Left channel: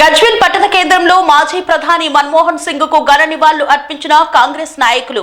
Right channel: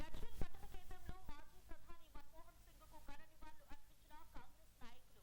గజ్వేల్ పట్టణ కేంద్రంలో మాజీ ప్రధాని మన్మోహన్ సింగ్కు ఘన నివాళులు అర్పించిన కాంగ్రెస్ నాయకులు.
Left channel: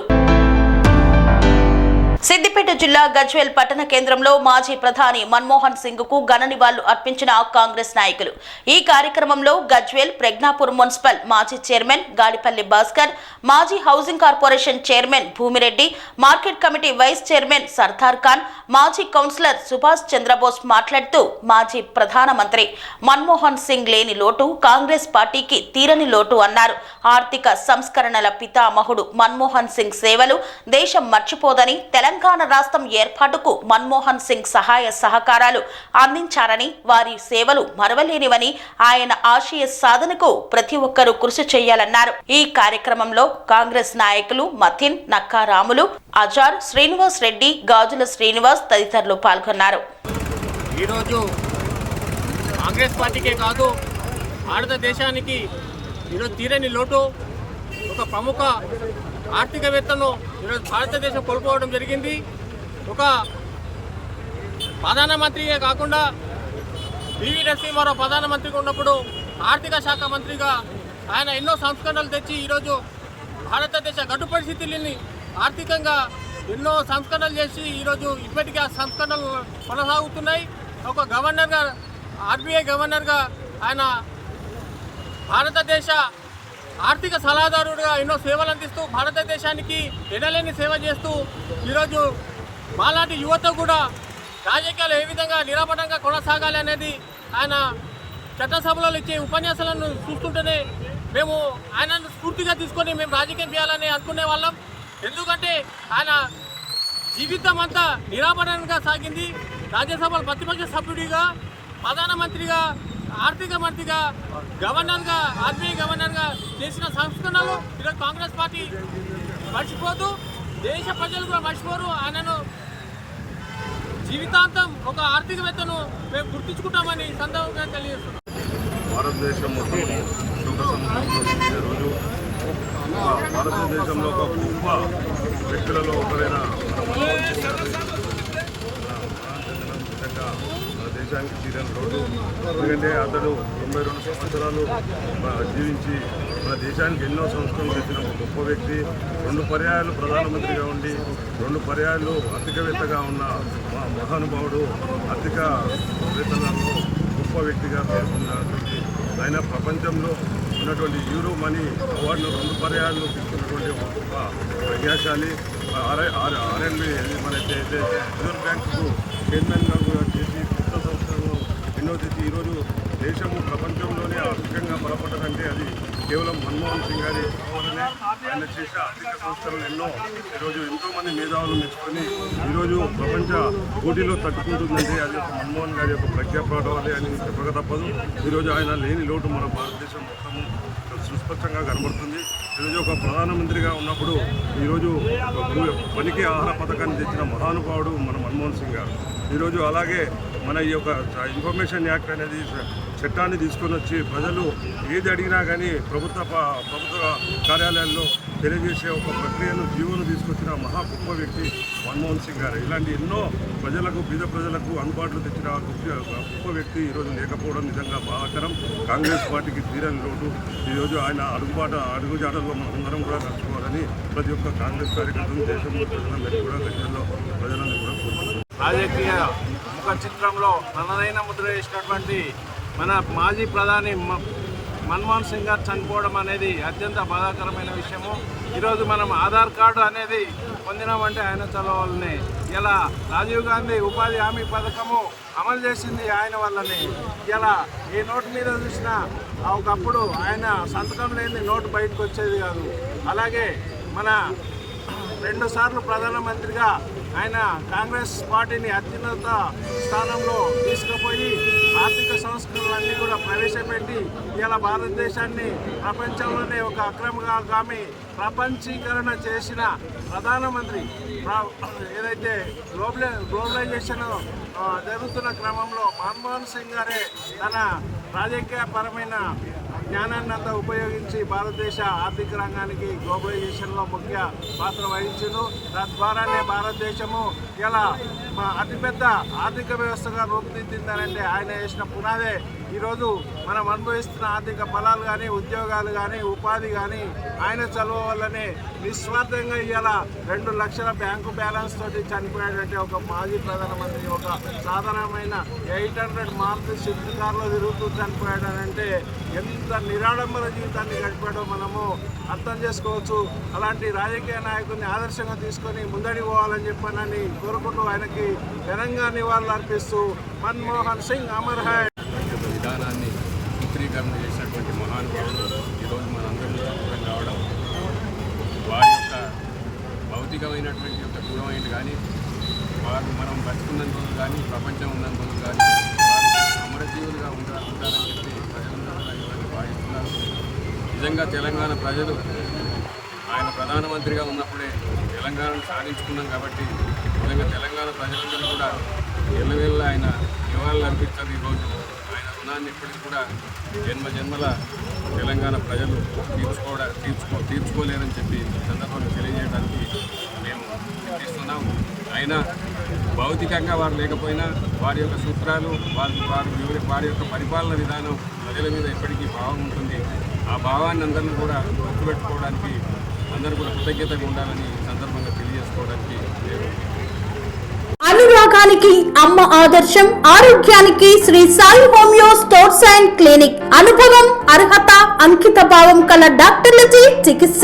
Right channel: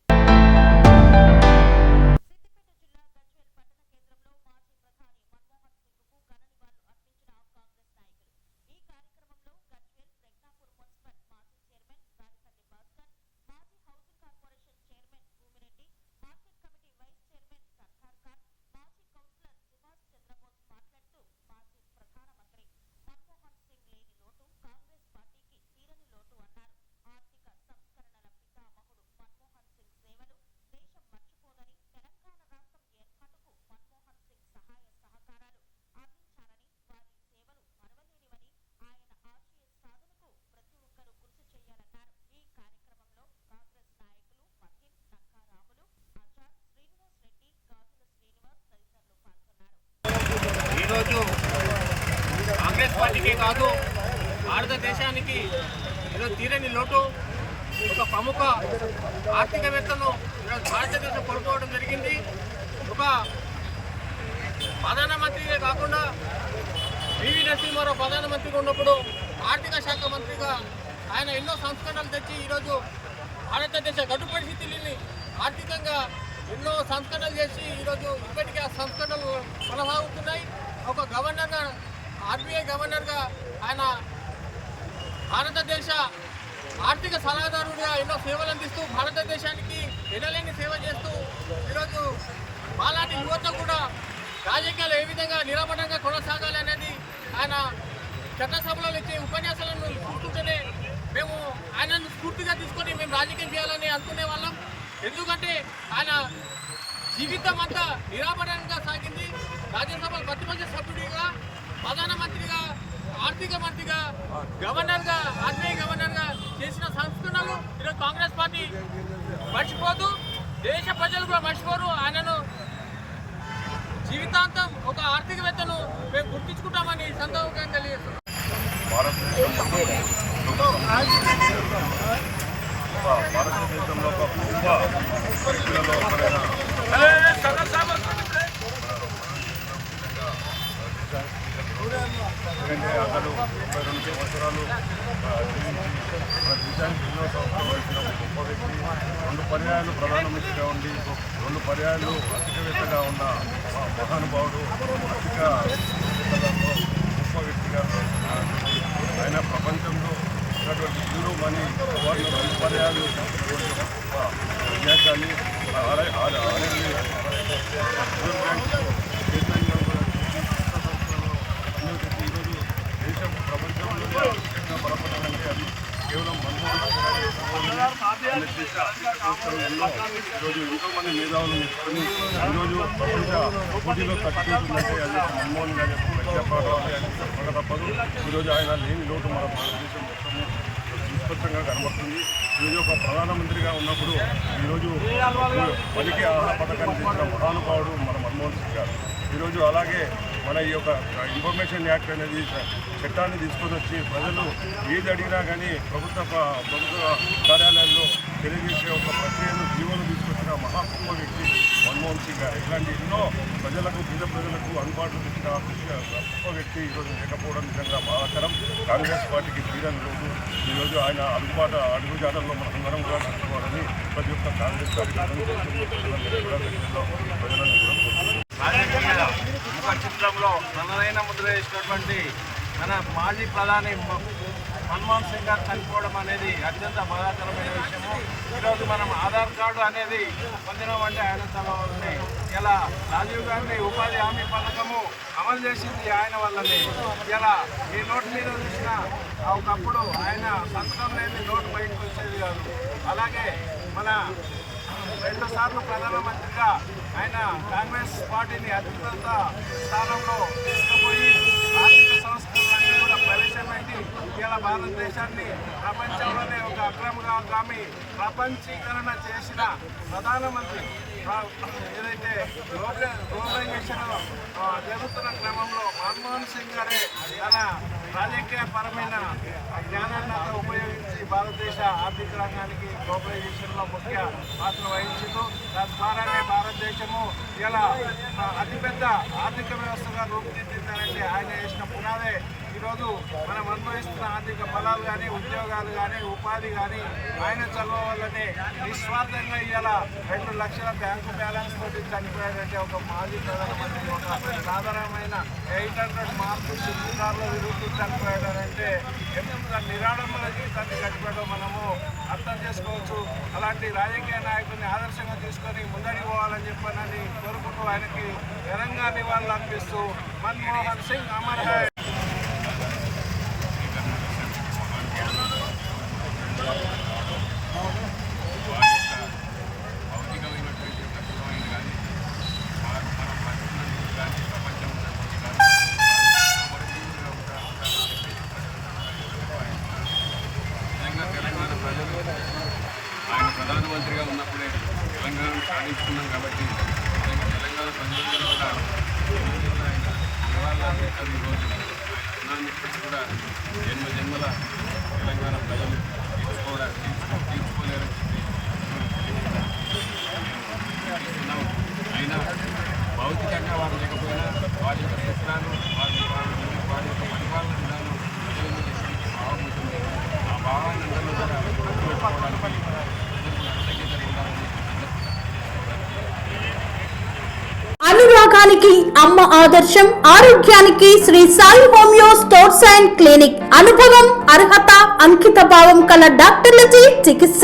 సిద్దిపేట జిల్లా గజ్వేల్ పట్టణ కేంద్రంలో మాజీ ప్రధాని మన్మోహన్ సింగ్కు ఘన నివాళులు అర్పించిన కాంగ్రెస్ నాయకులు. ఈ కార్యక్రమంలో గజ్వేల్ ప్రజ్ఞాపూర్ మున్సిపల్ మాజీ చైర్మన్ గాడిపల్లి భాస్కర్ మాజీ housing corporation chairman Bhumireddy market committee vice chairman Sardar Khan మాజీ కౌన్సిలర్ సుభాష్ చంద్రబోస్ మాట్లాడుతూ మాజీ ప్రధానమంత్రి మన్మోహన్ సింగ్ లేని లోటు కాంగ్రెస్ పార్టీకి తీరని లోటు అన్నారు. ఆర్థిక సంస్కరణల పితామహుడు మన్మోహన్ సింగ్ సేవలు దేశం మర్చిపోదని తెలంగాణ తెలంగాణ రాష్ట్రం ఏర్పాటుకు మన్మోహన్ సింగ్ సహాయ సహకారాలు అందించారని వారి సేవలు మరవలేనివని ఆయన ఆశయ సాధనకు ప్రతి ఒక్కరూ కృషి చేయాలన్నారు. ఈ కార్యక్రమంలో కాంగ్రెస్ నాయకులు మథిన్ నక్కారాములు అజార్ శ్రీనివాస్ రెడ్డి గాజుల శ్రీనివాస్ తదితరులు పాల్గొన్నారు. ఈరోజు కాంగ్రెస్ పార్టీకే కాదు భారతదేశానికి ఈరోజు తీరని లోటు. ఒక ప్రముఖ ఆర్థికవేత్తను ఈరోజు భారతదేశం కోల్పోవడం జరిగింది. ఒక ప్రధానమంత్రిగా కాకుండా పివి నరసింహారావు ప్రధానమంత్రిగా ఉన్నప్పుడు ఆర్థిక శాఖ మంత్రిగా ఆయన ఎన్నో సంస్కరణలు తెచ్చి ఈరోజు భారతదేశ గడ్డు పరిస్థితులని ఆర్థికంగా ఎన్నో సంస్కరణలు చేసి ఈరోజు ఇప్పటికీ ఆ సంస్కరణలు కొనసాగుతున్నాయి. ఒక గవర్నర్గా ఆర్బీఐ గవర్నర్గా ఆయన భారతదేశ ఆర్థిక సలహాదారుడుగా ఎన్నో సేవలు అందిస్తూ భారతదేశానికి ఎనలేని సేవ చేస్తూ ఈరోజు మాలాంటి యువత కూడా రాజకీయాలు ఏ విధంగా నిరాపడంగా కొనసాగాలి అనేది ఆయన చట్టసభలో ఇచ్చే ఉపన్యాసాలను చూస్తుంటేనే మేము ఆయనను స్ఫూర్తిగా తీసుకొని మేము రాజకీయం చేయాలని అనుకునే వాళ్ళం. ఎందుకంటే ఆయన జీవితం అంతా నిరాపరణగా సాగింది. రాజ్యసభ ప్రతిపక్ష సభ్యుడిగా ప్రధానమంత్రిగా ఆర్థిక మంత్రిగా గవర్నర్గా ఆర్బీఐ గవర్నర్గా చేసిన సంస్కరణలు ఈరోజు కాంగ్రెస్ పార్టీ మర్చిపోతూ దేశ ప్రజలు కూడా మర్చిపోరు. ఆయనను జీవితాంతం ఒక ఆర్థికవేత్తను మేము గుర్తించుకుంటామని సందర్భంగా తెలియజేస్తున్నాం. భారతదేశం మొత్తం భారతదేశంలో ఒక గొప్ప వ్యక్తులలో ఒకరైన మన మన ముఖ్యంగా మన దేశానికి తీరని లోటు ఎందుకంటే అతడు తొంభై రెండు సంవత్సరాలు జీవించి మన దేశానికి ఎన్నో సంస్థలు పెట్టిన ఒక గొప్ప వ్యక్తి. రెండు పర్యాయాలు ప్రధానమంత్రిగా ఉండి రెండు పర్యాయాలు ఆర్థికవేత్తగా ఉన్న మా మహానుభావుడు ఆర్థిక వేత్తలలో గొప్ప వ్యక్తిగా ఆయన ప్రపంచంలో ఉన్నటువంటి యూరో మనీ అవార్డును రెండు పర్యాయాలు తీసుకున్నటువంటి ఒక గొప్ప ప్రజాశాలి ఆర్ఎల్ ఆరు రిజర్వ్ బ్యాంకుకు చైర్మన్గా కూడా ఆలోచించి ఈరోజు దేశము ప్రపంచంలోనే ఆర్థికంగా బలపడాలంటే అది కేవలం మన్మోహన్ సింగ్ గారి వల్లనే ఆయన చేసే ఆర్థిక సంస్థలు ఎన్నో ఈరోజు ఎంతోమంది మేధావులు మెచ్చుకొని ఈరోజు ప్రపంచ పోటీలో తట్టుకుంటుందంటే అది ఒక మన్మోహన్ గారి యొక్క ప్రజ్ఞాపడాలి అని చెప్పక తప్పదు. ఈరోజు ఆయన లేని లోటు మన భారతదేశం మొత్తము సుస్పష్టంగా కనబడుతుంది. ఈరోజు ఒక ప్రధానమంత్రిగా ఉన్నప్పుడు ఈరోజు పనికి ఆహార పథకాన్ని తెచ్చిన మహానుభావుడు మన మన్మోహన్ సింగ్ గారు. ఈరోజు అలాగే మన ఈ యొక్క ఇన్ఫర్మేషన్ యాక్ట్ అనేది చట్టాన్ని తీసుకొని వచ్చి ప్రజలు ఏది అడిగినా కానీ ప్రభుత్వ ప్రభుత్వ కార్యాలయాల్లో తెలియజేసే ఒక ప్రక్రియను జీవోను మహా గొప్ప వ్యక్తి మన్మోహన్ సింగ్ గారు. ఇలాంటి ఎన్నో ప్రజలకు బీద ప్రజలకు అందుబాటులో తెచ్చిన గొప్ప గొప్ప వ్యక్తి. ఈరోజు లేకపోవడం నిజంగా బాధాకరం. కాంగ్రెస్ పార్టీకి తీరని లోటు. ఈరోజు ఆయన అడుగుబాట అడుగుజాడల్లో మనం అందరం కూడా నడుచుకోవాలని ప్రతి ఒక్క కాంగ్రెస్ కార్యకర్తలు దేశంలో ప్రజలందరూ కూడా ప్రజల్లో ప్రజలను కూడా కోరుకుంటున్నారు. రాజకీయ ముఖ చిత్రంలో తనదైన ముద్ర వేసినటువంటి మన మాజీ ప్రధాని మన్మోహన్ సింగ్ గారు చనిపోవడం అనేది అత్యంత బాధాకరమైన విషయము. ఈరోజు మనం ఆధార్ కార్డు అనేది పొందినామంటే ఆయన చదవాలని ఇలా రాజీవ్ గాంధీ ఉపాధి హామీ పథకము అమలు చేసింది ఆయన వల్లనే. ఇలా ఈ నోటు మీద చూసిన ఒకప్పుడు ఆయన సంతకం లేని నోటు బయటకు వచ్చేది కాదు. అలాగే మన రెండు సార్లు ప్రధానమంత్రిగా ఆయన కాంగ్రెస్ పార్టీని అత్యున్నత స్థానంలో తీసుకుపోయి ఆర్థిక సంస్కరణలన్నీ కూడా ప్రవేశపెట్టి ఇవాళ భారతదేశాన్ని ప్రపంచంలోనే ఒక అక్రమగామి ప్రపంచీకరణ చేసిన ప్రధానమంత్రి ఏదైతే గ్లోబలై గ్లోబలైజేషన్ జరుగుతున్న క్రమంలో మన్మోహన్ సింగ్ గారే తన రాజకీయపరమైన జ్ఞానాన్ని అంతా ఉపయోగించి భారతదేశ ఆర్థిక రంగానికి గ్లోబలైజేషన్లో ముఖ్య పాత్ర వహించారు తద్వారానే భారతదేశము ఇలా అతిపెద్ద ఆర్థిక వ్యవస్థగా రూపుదిద్దిందనంటే ఆయన చేసిన పునాదే ఈరోజు మనం అనుభవిస్తున్న ఆర్థిక ఫలాలు కానీ ఉద్యోగాలు కానీ ఉపాధి కానీ ఆయన చదువు వల్లనే నిస్వార్థంగా ఇవాళ రెండు లక్షల బ్యాంకు బ్యాలెన్స్ తోటి చనిపోయాడంటే ఒక మాజీ ప్రధానమంత్రి ఒక సాధారణమైన ఎయిట్ హండ్రెడ్ మార్కు షిఫ్ట్ కార్లో తిరుగుతూ చనిపోయాడనంటే ఎంత నిరాడంబర జీవితాన్ని గడిపాడో మనము అర్థం చేసుకోవచ్చు. అలాంటి రాజకీయ నాయకుడిని ఆదర్శంగా తీసుకొని ముందడి పోవాలని చెప్పానని కోరుకుంటూ ఆయనకి ఘనంగా నివాళులు అర్పిస్తూ మన్మోహన్ సింగ్ అమర్ హై. భౌతికమైనటువంటి యొక్క దూరమైంది కానీ వారు మనం బతుకున్నంత కానీ ప్రపంచం ఉన్నంత రోజులు కానీ అమరజీవులుగా ఉంటా ఉంటారని చెప్పి ప్రజలందరూ కూడా నిజంగా భావిస్తున్నారు. నిజంగా తెలంగాణ ప్రజలు ఆయన ప్రధానమంత్రిగా ఉన్నప్పుడే తెలంగాణను సాధించుకున్నాం కాబట్టి నిజంగా తెలంగాణ ప్రజలందరూ కూడా ఎల్లవేళ్ళ ఆయన నివాళులు అర్పిస్తారు ఈరోజు ఆయన రుణాన్ని ఇప్పటికి కూడా జన్మ జన్మల తెలంగాణ ప్రజలు తీర్చుకోవడా తీర్చుకో తీర్చుకోలేరని చెప్పి సందర్భంగా తెలియజేయడానికి ఇస్తున్నాం అయినా భౌతికంగా వారు లేకపోయినా వారి యొక్క సూత్రాలు వారి వారి వారి యొక్క పరిపాలన విధానం ప్రజల మీద ఎప్పటికీ భావం ఉంటుంది. ఆ భావాన్ని అందరినీ కూడా గుర్తుపెట్టుకోవడానికి అందరూ కూడా కృతజ్ఞతగా ఉండాలని సందర్భంగా తెలియజేసుకోవడానికి నేను అనురాగానికి అమ్మ ఆదర్శం ఆరోగ్యానికి Sri Sai homeo stores and clinic. అనుభవం అర్హత అంకిత భావం కల డాక్టర్లచే చికిత్స.